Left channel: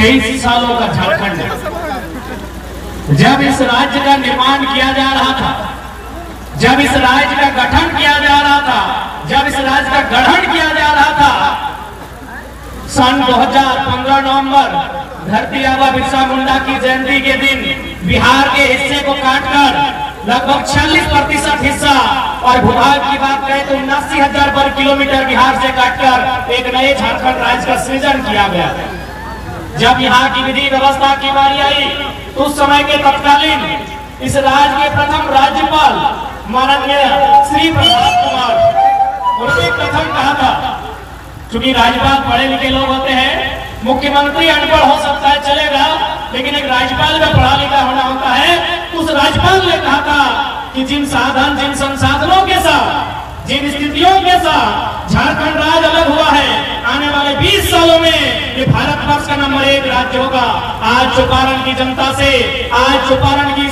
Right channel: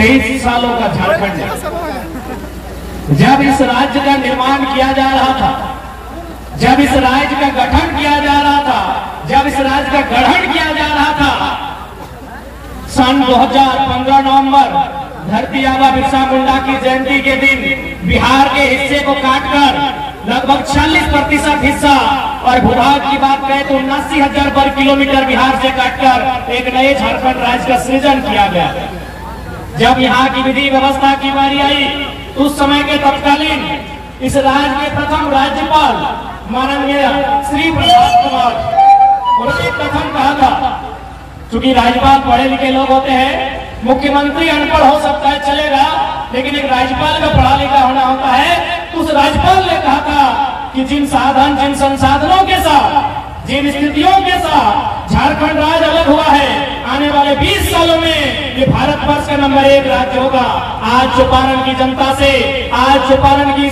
23 सालों का झारखंड जब इस राज्य का निर्माण किया जा रहा था, जब इस राज्य का गठन किया जा रहा था, जब इस राज्य का गठन किया जा रहा था, सन 2015 नवंबर धरती आबा बिरसा मुंडा की जयंती के दिन बिहार के हिस्से को काटकर लगभग 40% हिस्सा और भूभाग की बात करें तो 79,000 वर्ग किलोमीटर बिहार से काटकर एक नए झारखंड राज्य का सृजन किया गया। जब यहाँ की विधि व्यवस्था की बारी आई, उस समय के तत्कालीन इस राज्य के प्रथम राज्यपाल माननीय श्री प्रभात कुमार, उन्होंने प्रथम कहा था, क्योंकि राज्यपाल पढ़े लिखे लोग होते हैं, मुख्यमंत्री अनपढ़ हो सकता है चलेगा, लेकिन एक राज्यपाल का पढ़ा लिखा होना होता है। उस राज्यपाल ने कहा था कि जिन संसाधनों के साथ, जिन स्थितियों के साथ झारखंड राज्य अलग हुआ है, आने वाले 20 सालों में ये भारतवर्ष का नंबर 1 राज्य होगा। आज चौपारण की जनता से, आज चौपारण की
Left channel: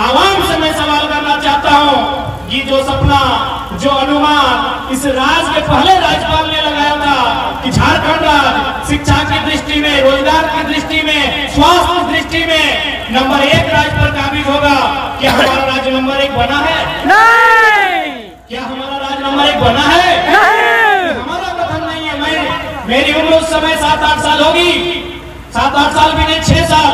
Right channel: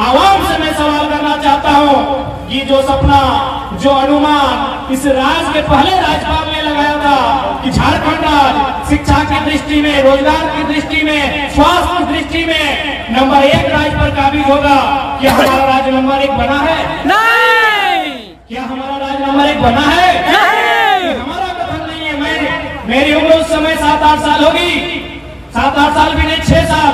आवाम से मैं सवाल करना चाहता हूँ, ये जो सपना, जो अनुमान इस राज्य के पहले राज्यपाल ने लगाया था कि झारखंड राज्य शिक्षा की दृष्टि में, रोजगार की दृष्टि में, स्वास्थ्य की दृष्टि में नंबर 1 राज्य पर काबिज होगा, क्या हमारा राज्य नंबर 1 बना है? नहीं। क्या हमारा राज्य नंबर 1 बना है? नहीं। हमारा कथन नहीं है। मेरी उम्र उस समय 7-8 साल होगी, 7-8 साल भी नहीं, 6 साल,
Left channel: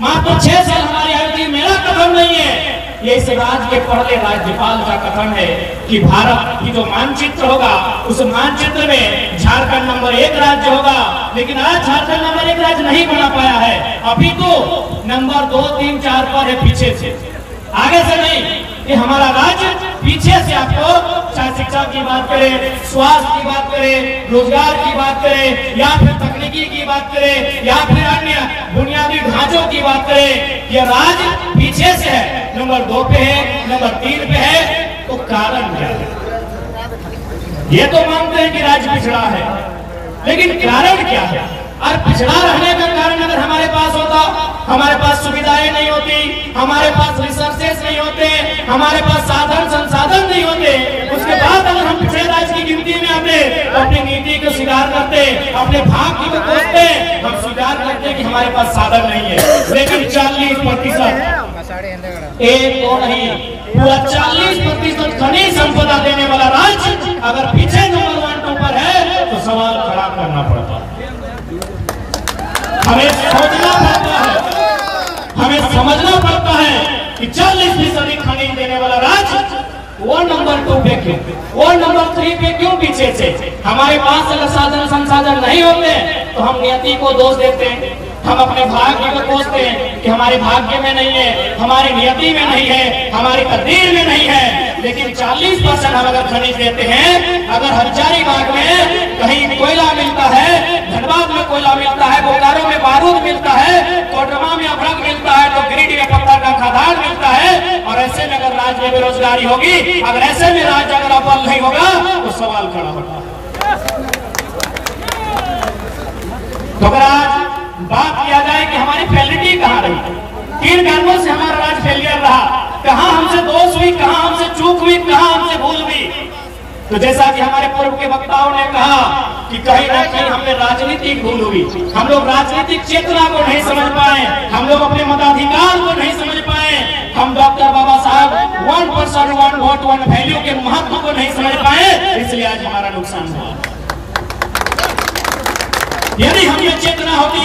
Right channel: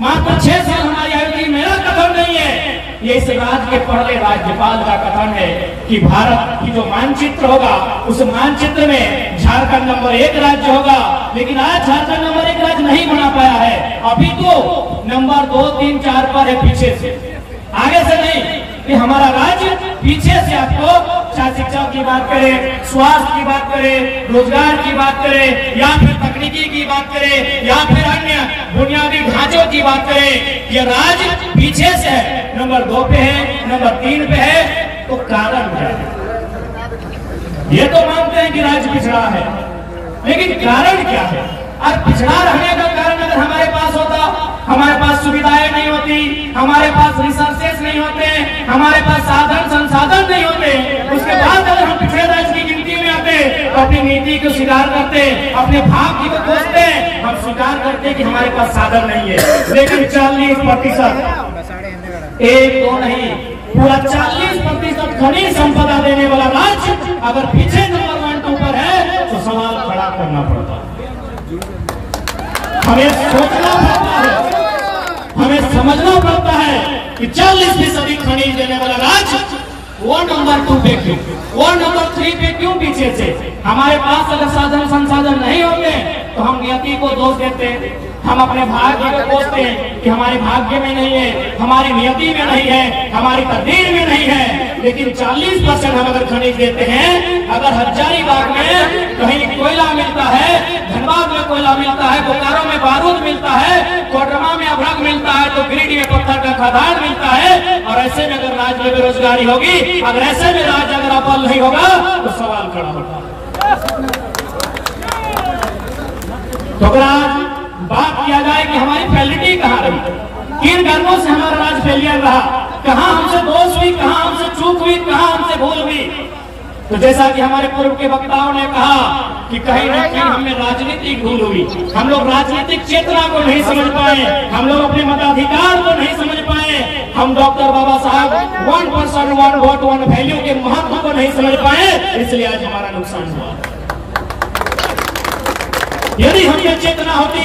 मात्र 6 साल हमारी आयु थी। मेरा कथन नहीं है, ये इस राज्य के पहले राज्यपाल का कथन है कि भारत की जो मानचित्र होगा, उस मानचित्र में झारखंड नंबर 1 राज्य होगा। लेकिन आज झारखंड नंबर 1 राज्य नहीं बना पाया है, अभी तो नंबर 2, 3, 4 पर है, पीछे से, आगे से नहीं। कि हमारा राज्य पीछे से, आपको चाहे शिक्षा की बात करें, स्वास्थ्य की बात करें, रोजगार की बात करें, या फिर तकनीकी की बात करें, या फिर अन्य बुनियादी ढांचों की बात करें, यह राज्य पीछे से है, नंबर 2 पे है, नंबर 3 पे है। तो कारण क्या है? ये तो मानते हैं कि राज्य पिछड़ा है, लेकिन कारण क्या है? और पिछड़ा रहने का कारण अगर हमारे पास होता, हमारे पास सुविधाएं नहीं होती, हमारे पास रिसोर्सेस नहीं होते, हमारे पास साधन संसाधन नहीं होते, उसके बाद अगर हम पिछड़े राज्य की गिनती में आते तो अपनी नीति को स्वीकार करते, अपने भाग्य को कोसते, हम स्वीकार करते कि हमारे पास साधन नहीं है। लेकिन 40%, 1-2 नहीं, पूरा 40% खनिज संपदा देने वाला राज्य अगर पीछे नंबर 1-2 पर है तो सवाल खड़ा करना पड़ता है। हमें सोचना पड़ता है, हमें समझना पड़ता है कि 40% खनिज देने वाला राज्य वो नंबर 2 पे क्यों, वो नंबर 3 पे क्यों पीछे से? हमारे पास अगर साधन संसाधन नहीं होते तो हम नियति को दोष देते हैं, हम अपने भाग्य को कोसते हैं कि हमारे भाग्य में नहीं है, हमारी नियति में नहीं है, हमारी तकदीर में नहीं है। लेकिन 40% हम अगर खनिज देते हैं, अगर हजारीबाग में कहीं कोयला मिलता है, धनबाद में कोयला मिलता है, बोकारो में बारूद मिलता है, कोडरमा में अभ्रक मिलता है, तो गिरिडीह में पत्थर का खदान मिलता है, और ऐसे में अगर राज्य में बेरोजगारी होगी, अगर ऐसे में राज्य अगर अव्वल नहीं होगा तो सवाल खड़ा होगा। तो अगर आज बात किया जाए कि हमारी फेलिटी कहाँ रही, किन कारणों से हमारा राज्य फेलियर रहा, कहाँ हमसे दोष हुई, कहाँ हमसे चूक हुई, कहाँ हमसे भूल हुई, तो जैसा कि हमारे पूर्व के वक्ताओं ने कहा कि कहीं ना कहीं हमें राजनीतिक भूल हुई, हम लोग राजनीतिक चेतना को नहीं समझ पाए, हम लोग अपने मताधिकार को नहीं समझ पाए, हम डॉक्टर बाबा साहब 1 पर्सन 1 वोट 1 वैल्यू के महत्व को नहीं समझ पाए, इसलिए आज हमारा नुकसान हुआ। यदि हमें चेतना होती,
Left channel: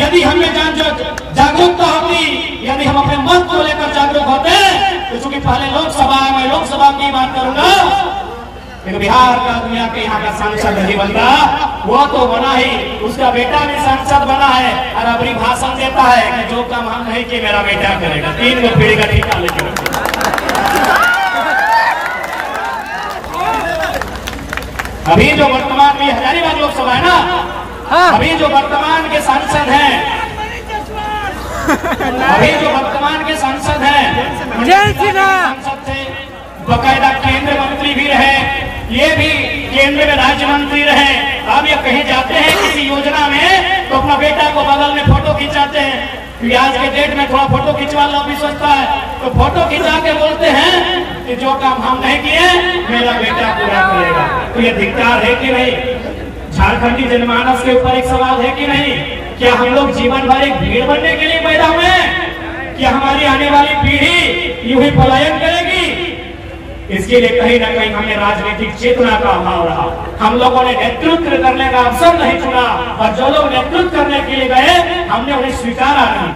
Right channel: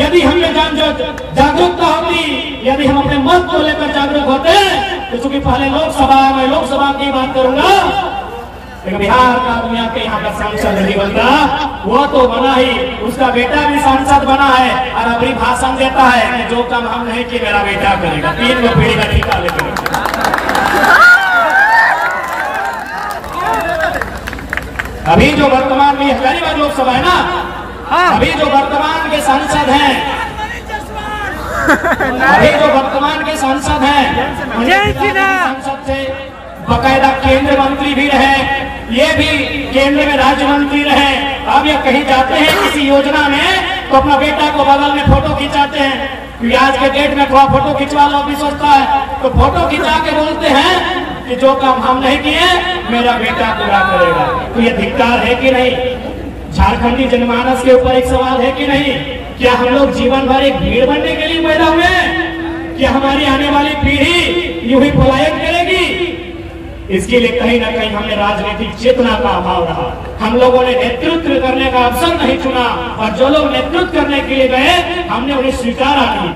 यदि हमें जागरूकता होती, यदि हम अपने मत को लेकर जागरूक होते, तो चूंकि पहले लोकसभा की बात करूंगा, लेकिन बिहार का दुनिया के यहाँ का सांसद नहीं बनता, वो तो बना ही, उसका बेटा भी सांसद बना है, और अपनी भाषण देता है कि जो काम हम नहीं किए मेरा बेटा करेगा, 3 गो पीढ़ी का टीका लेकर। अभी जो वर्तमान में हजारीबाग लोकसभा है ना, अभी जो वर्तमान के सांसद हैं, अभी जो वर्तमान के सांसद हैं, सांसद से बकायदा केंद्र मंत्री भी रहे, ये भी केंद्र में राज्य मंत्री रहे। अब ये कहीं जाते हैं किसी योजना में तो अपना बेटा को बगल में फोटो खिंचाते हैं, आज के डेट में थोड़ा फोटो खिंचवा लो भी सोचता है, तो फोटो खिंचा के बोलते हैं कि जो काम हम नहीं किए मेरा बेटा पूरा करेगा। तो ये धिक्कार है कि नहीं? झारखंडी जनमानस के ऊपर एक सवाल है कि नहीं क्या हम लोग जीवन भर एक भीड़ बनने के लिए पैदा हुए हैं? क्या हमारी आने वाली पीढ़ी यूं ही पलायन करेगी? इसके लिए कहीं ना कहीं हमें राजनीतिक चेतना का अभाव रहा। हम लोगों ने नेतृत्व करने का अवसर नहीं चुना, और जो लोग नेतृत्व करने के लिए गए हमने उन्हें स्वीकारा नहीं।